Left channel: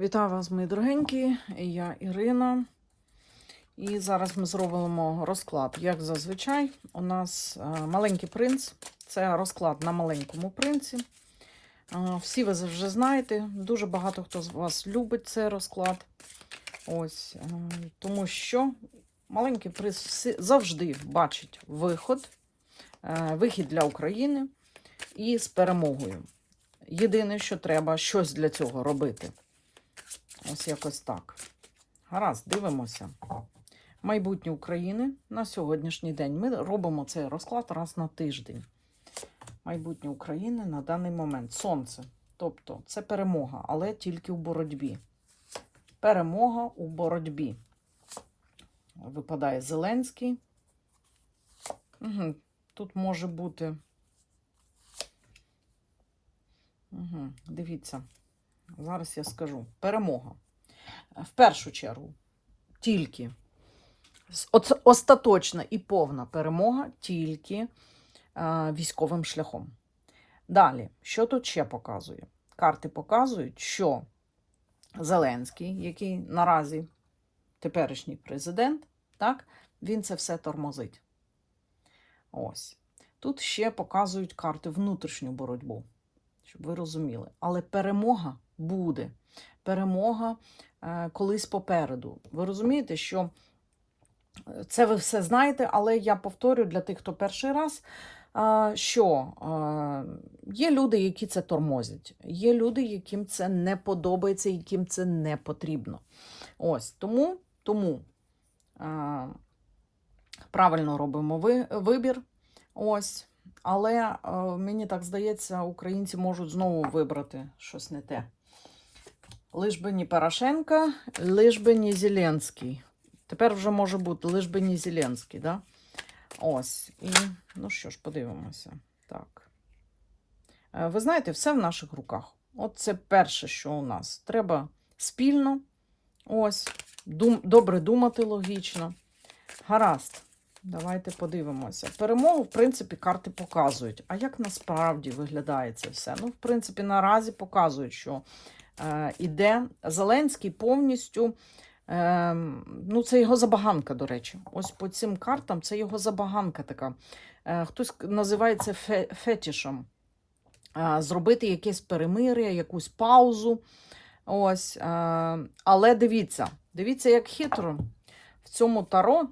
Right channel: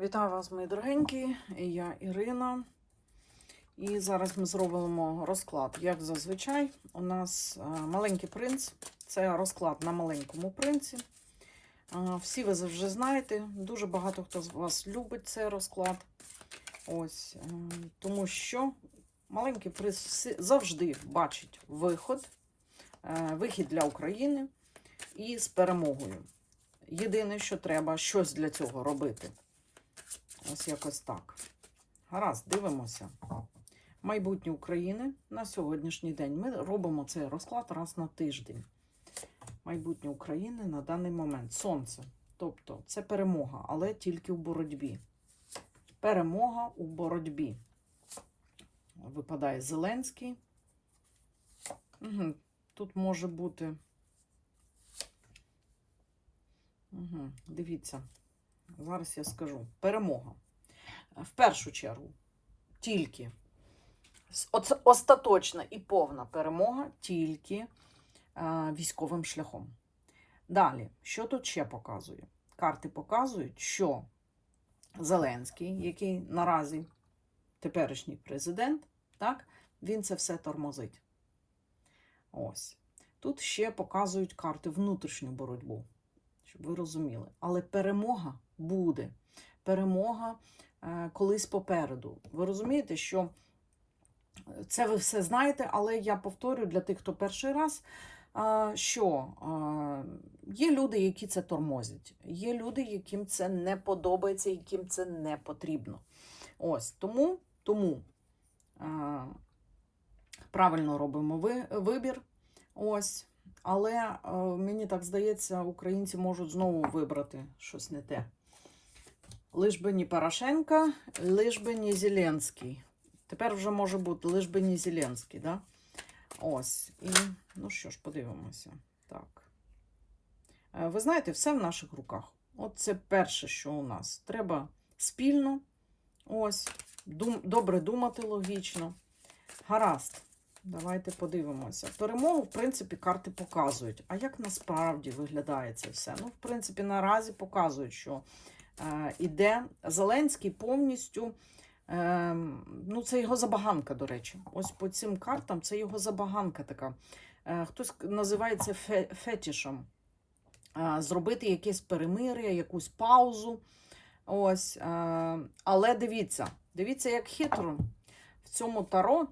Вітаю вас, мої дорогенькі. Я Ірина. І зараз ми зробимо розклад. Як зазвичай, у нас е, маленький принц. Це розклад на маленькому принці. Е, Всі ви вже знаєте. Дуже багато хто з вас любить цей розклад. Ось, е, тому що маленький принц завжди бачить виход, вихід для України і з перемогою. Єдине, що треба щось для цього робити. Ось якось так. Гаразд, дивимося. Майбутнє України на сьогоднішній день. Ми робимо цей розклад раз на тиждень. Майбутнє України на даний момент. Сонце. Тобто це перемога, але тільки у боротьбі. Перемога у боротьбі. Випадає Зеленський. Угу. Тут може бути. Угу. Дивіться. Зараз я скажу. Перемога. В першу чергу, тільки остаточна і повна перемога тільки е, військовим шляхом. Далі, що тут ще показує? Карти показують, що Зеленський, який наразі теперішній президент, так, він це все тормозить. Ось. Тут ще показують карти внутрішню боротьбу, щоб ви розуміли. Але перемога буде. Перемога е, колись попереду. Ви розумієте, що е, це ви все знаєте, але я повторю для тих, хто перший раз, е, що є люди, які це тормозять, є люди, яким це не подобається, яким це не потрібно. Ось тому, тому правильно робимо ви, вибір. Ось. Але е, мені так здається, українці можуть знову вибрати щось не те. Лиш би не Порошенко, лиш би не Зеленський. Тепер вже може бути лиш би не Зеленський, да? Ось. І, ну що ж, подивимося. Так. Е, Ви знаєте, все в наших руках. От це перше, що у нас. Треба спільно, ось, дум, добре думати логічно. Гаразд. Давайте подивимося. Перемогу, в принципі, карти показують. А як насправді виглядає це все? Ну, в принципі, наразі показують, що е, іде Зеленський повністю. Е, ну, це його забаганка, до речі. Ось по цим картам це його забаганка така. Е, хтось називає це фе, фетішем. Е, зробити якесь перемир'я, якусь паузу. Ось. Е, але дивіться, дивіться, як хитро в цьому таро.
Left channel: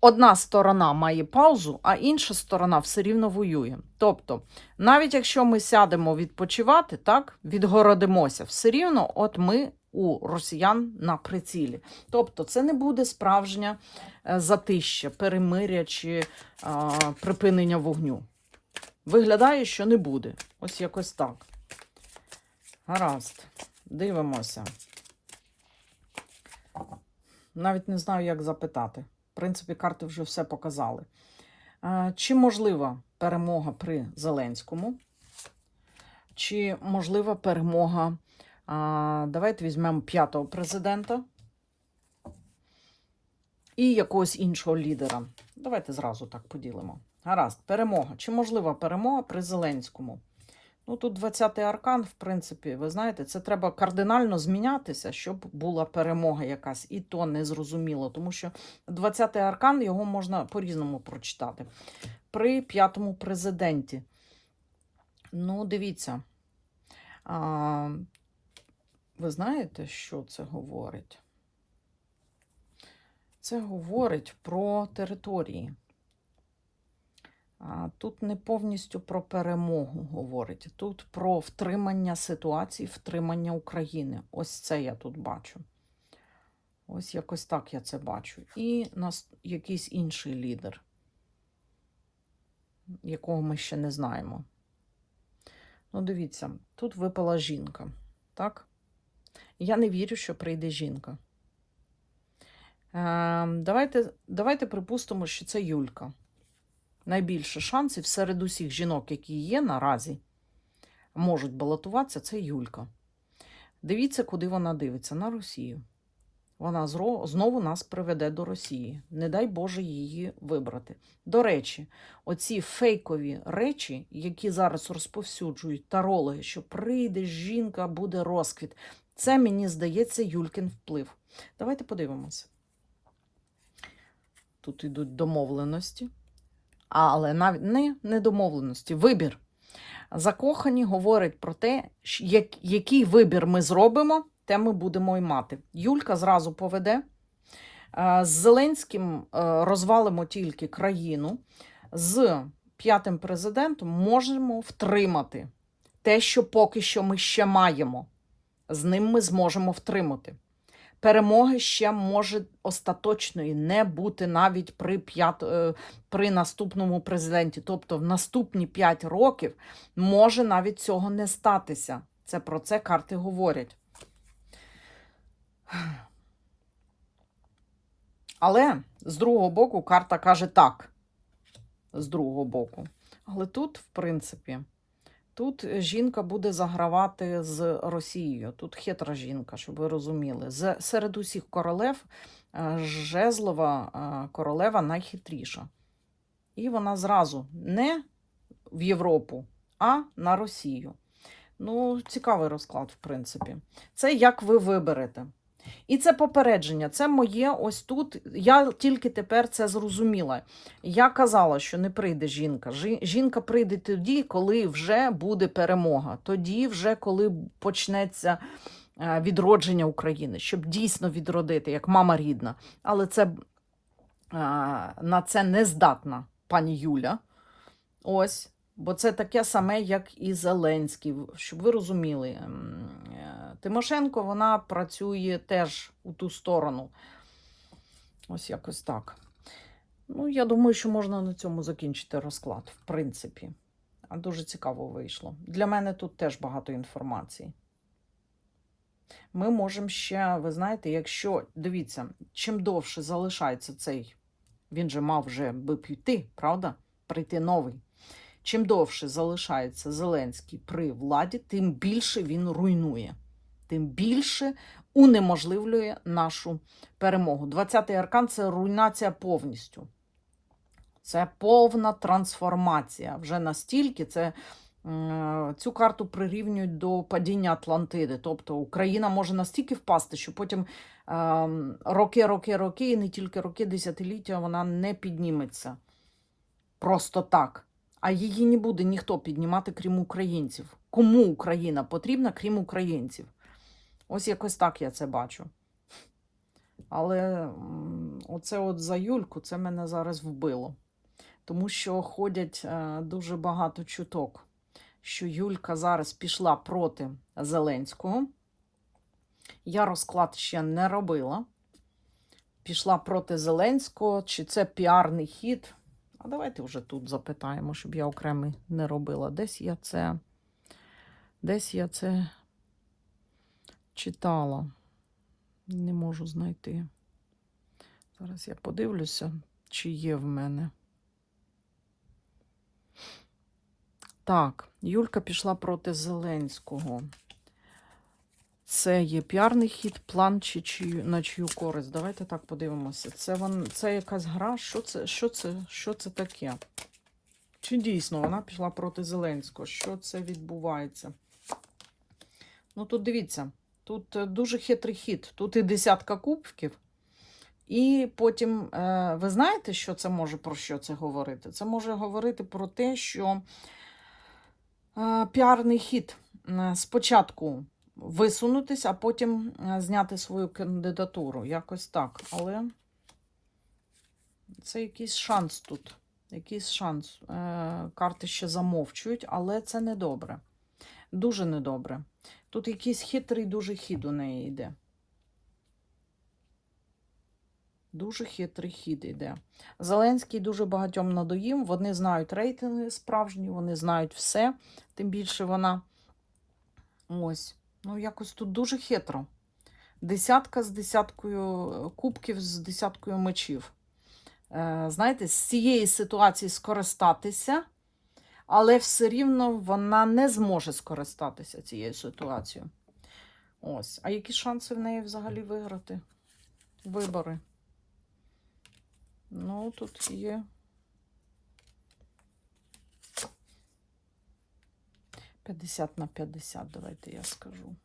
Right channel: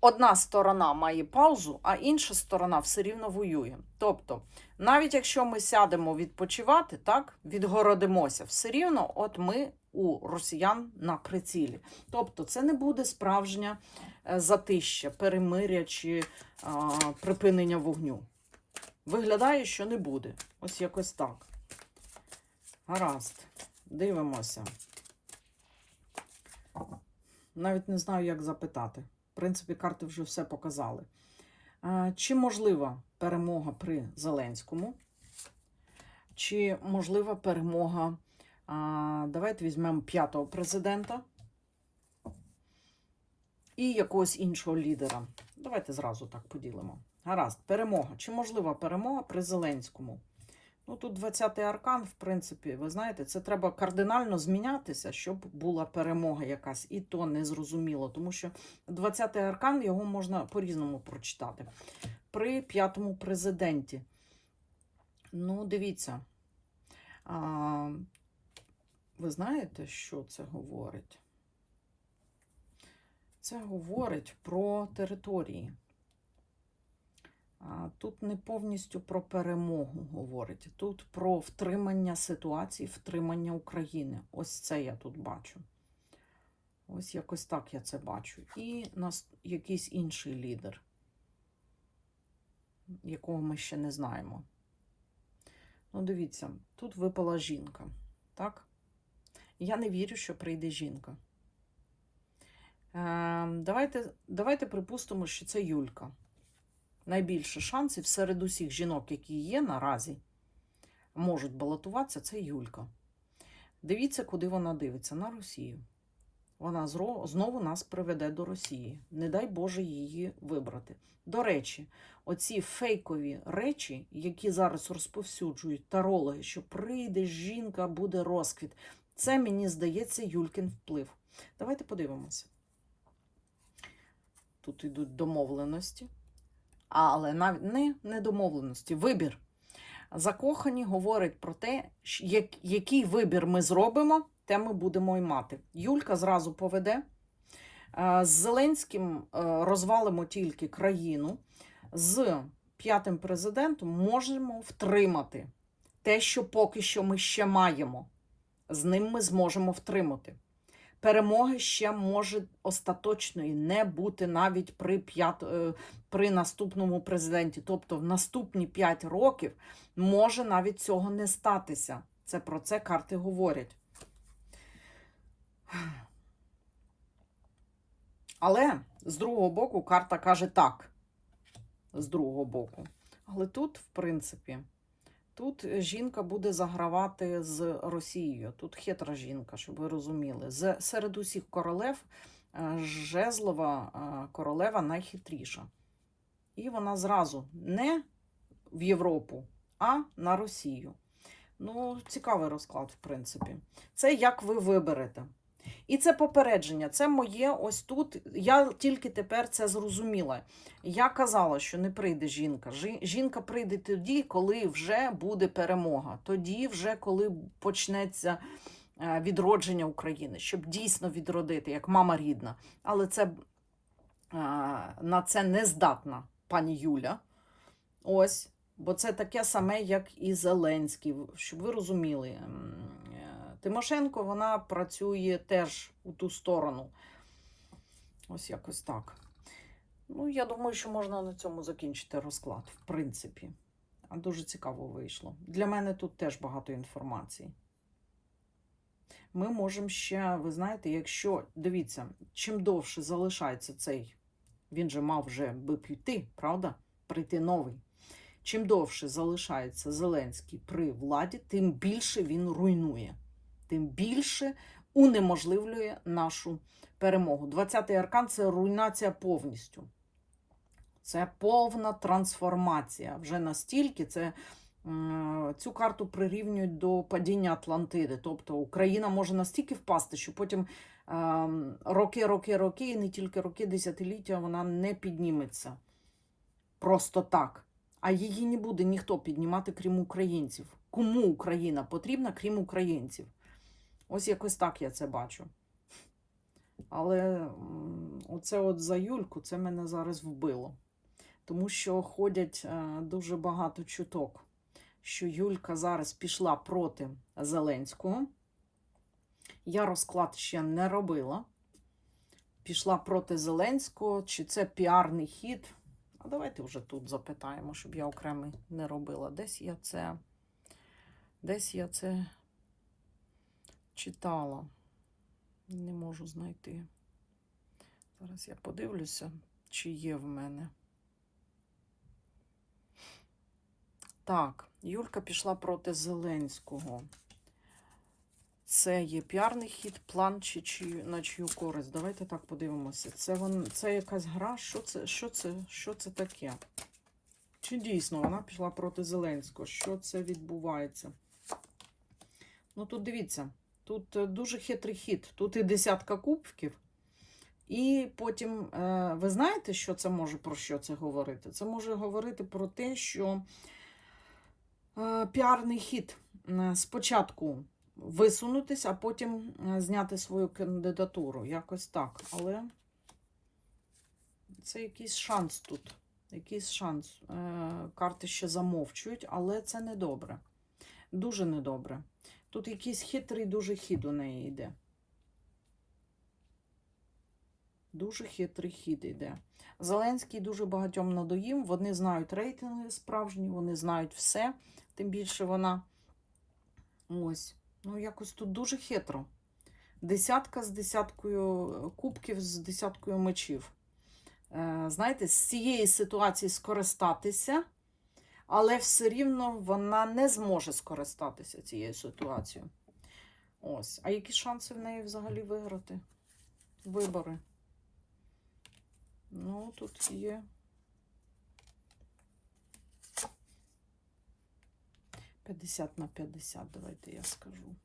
Одна сторона має паузу, а інша сторона все рівно воює. Тобто, навіть якщо ми сядемо відпочивати, так, відгородимося, все рівно от ми у росіян на прицілі. Тобто, це не буде справжнє е, затища, перемиря чи а, припинення вогню. Виглядає, що не буде. Ось якось так. Гаразд. Дивимося. Навіть не знаю, як запитати. В принципі, карти вже все показали. Е, Чи можлива перемога при Зеленському? Чи можлива перемога? Давайте візьмемо п'ятого президента і якогось іншого лідера. Давайте зразу так поділимо. Гаразд, перемога. Чи можлива перемога при Зеленському? Ну, тут 20-й аркан, в принципі, ви знаєте, це треба кардинально змінятися, щоб була перемога якась. І то не зрозуміло, тому що 20-й аркан його можна по-різному прочитати. При п'ятому президенті. Ну, дивіться. А, ви знаєте, що це говорить? Це говорить про території. Тут не повністю про перемогу говорить, тут про втримання ситуації, втримання України. Ось це я тут бачу. Ось якось так я це бачу. І нас якийсь інший лідер, якого ми ще не знаємо. Ну, дивіться, тут випала жінка, так? Я не вірю, що прийде жінка. Е, давайте, давайте припустимо, що це Юлька найбільше шансів серед усіх жінок, які є наразі, можуть балотуватися, це Юлька. Дивіться, куди вона дивиться, на Росію. Вона знову нас приведе до Росії. Не дай Боже її вибрати. До речі, оці фейкові речі, які зараз розповсюджують тарологи, що прийде жінка, буде розквіт. Це мені здається Юлькін вплив. Давайте подивимося. Тут йдуть домовленості, але навіть не, не домовленості, вибір. Закохані говорять про те, як- який вибір ми зробимо, те ми будемо й мати. Юлька зразу поведе. З Зеленським е, розвалимо тільки країну. З п'ятим президентом можемо втримати те, що поки що ми ще маємо. З ним ми зможемо втримати. Перемоги ще може остаточної не бути навіть при, п'ят, е, при наступному президенті. Тобто в наступні 5 років може навіть цього не статися. Це про це карти говорять. Але з другого боку карта каже так. З другого боку. Але тут, в принципі, тут жінка буде загравати з Росією. Тут хитра жінка, щоб ви розуміли. З, серед усіх королев е, жезлова е, королева найхитріша. І вона зразу не в Європу, а на Росію. Ну, цікавий розклад, в принципі. Це як ви виберете. І це попередження. Це моє ось тут. Я тільки тепер це зрозуміла. Я казала, що не прийде жінка. Жінка прийде тоді, коли вже буде перемога. Тоді, вже коли почнеться е, відродження України, щоб дійсно відродити, як мама рідна. Але це е, на це не здатна пані Юля. Ось. Бо це таке саме, як і Зеленський. Щоб ви розуміли, Тимошенко вона працює теж у ту сторону. Ось якось так. Ну, я думаю, що можна на цьому закінчити розклад, в принципі. А дуже цікаво вийшло. Для мене тут теж багато інформації. Ми можемо ще, ви знаєте, якщо дивіться, чим довше залишається цей, він же мав вже би піти, правда? Прийти новий. Чим довше залишається Зеленський при владі, тим більше він руйнує, тим більше унеможливлює нашу перемогу. 20-й аркан це руйнація повністю. Це повна трансформація. Вже настільки це цю карту прирівнюють до падіння Атлантиди. Тобто Україна може настільки впасти, що потім ем, роки, роки, роки, і не тільки роки, десятиліття вона не підніметься. Просто так. А її не буде ніхто піднімати, крім українців. Кому Україна потрібна, крім українців? Ось якось так я це бачу. Але оце от за Юльку це мене зараз вбило. Тому що ходять е, дуже багато чуток, що Юлька зараз пішла проти Зеленського. Я розклад ще не робила. Пішла проти Зеленського, чи це піарний хід. А давайте вже тут запитаємо, щоб я окремий не робила. Десь я це, десь я це читала. Не можу знайти. Зараз я подивлюся, чи є в мене. Так, Юлька пішла проти Зеленського. Це є піарний хід, план чи чию, на чию користь. Давайте так подивимося. Це, вон, це якась гра. Що це, що, це, що це таке? Чи дійсно вона пішла проти Зеленського? Що це відбувається? Ну тут дивіться, тут е, дуже хитрий хід. Тут і десятка кубків. І потім, е, ви знаєте, що це може про що це говорити? Це може говорити про те, що е, піарний хід спочатку висунутись, а потім зняти свою кандидатуру. Якось так. Але це якийсь шанс тут. Якийсь шанс. Карти ще замовчують, але це недобре. Дуже недобре. Тут якийсь хитрий дуже хід у неї йде. Дуже хитрий хід йде. Зеленський дуже багатьом надоїм. Вони знають рейтинги справжні, вони знають все. Тим більше вона. Ось. Ну, якось тут дуже хитро. Десятка з десяткою кубків, з десяткою мечів. Е, знаєте, з цієї ситуації скористатися, але все рівно вона не зможе скористатися цією ситуацією. Ось. А які шанси в неї взагалі виграти? вибори. Ну, тут є. П'ятдесят на 50, давайте я скажу.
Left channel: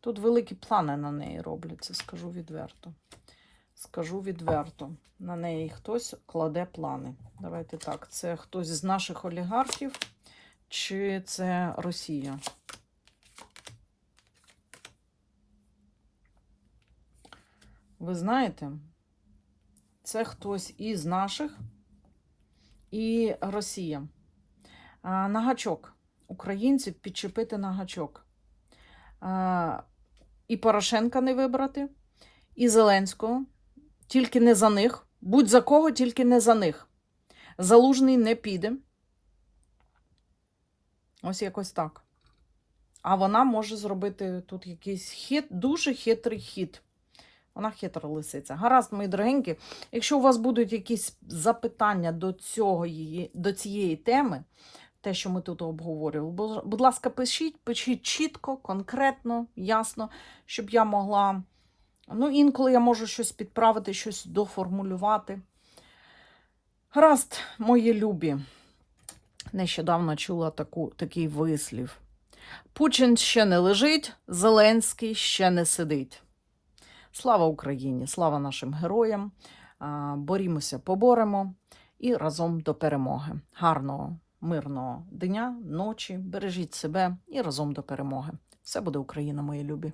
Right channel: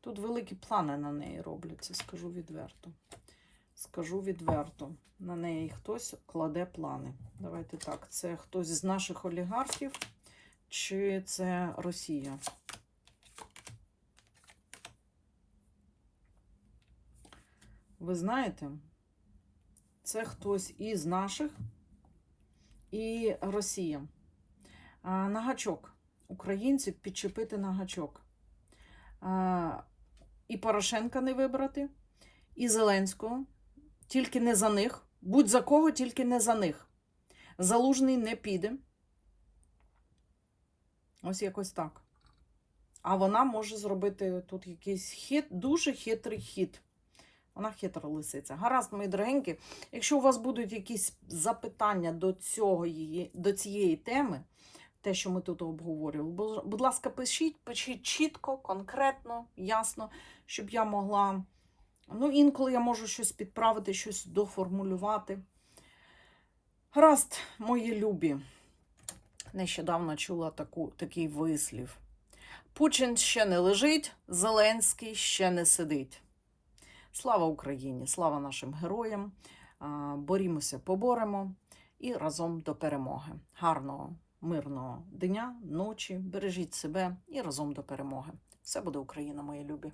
Тут великі плани на неї робляться, скажу відверто. Скажу відверто. На неї хтось кладе плани. Давайте так. Це хтось з наших олігархів, чи це Росія? Ви знаєте, це хтось із наших і Росія. На гачок. Українців підчепити на гачок. А, І Порошенка не вибрати, і Зеленського. Тільки не за них. Будь за кого, тільки не за них. Залужний не піде. Ось якось так. А вона може зробити тут якийсь хит, дуже хитрий хід. Вона хитра лисиця. Гаразд, мої дорогенькі. Якщо у вас будуть якісь запитання до, цього, її- до цієї теми, те, що ми тут обговорювали, бу- будь ласка, пишіть, пишіть чітко, конкретно, ясно, щоб я могла. Ну, інколи я можу щось підправити, щось доформулювати. Гаразд, мої любі. Нещодавно чула таку, такий вислів. Путін ще не лежить, Зеленський ще не сидить. Слава Україні! Слава нашим героям! Борімося, поборемо і разом до перемоги. Гарного, мирного дня, ночі. Бережіть себе і разом до перемоги. Все буде Україна, мої любі!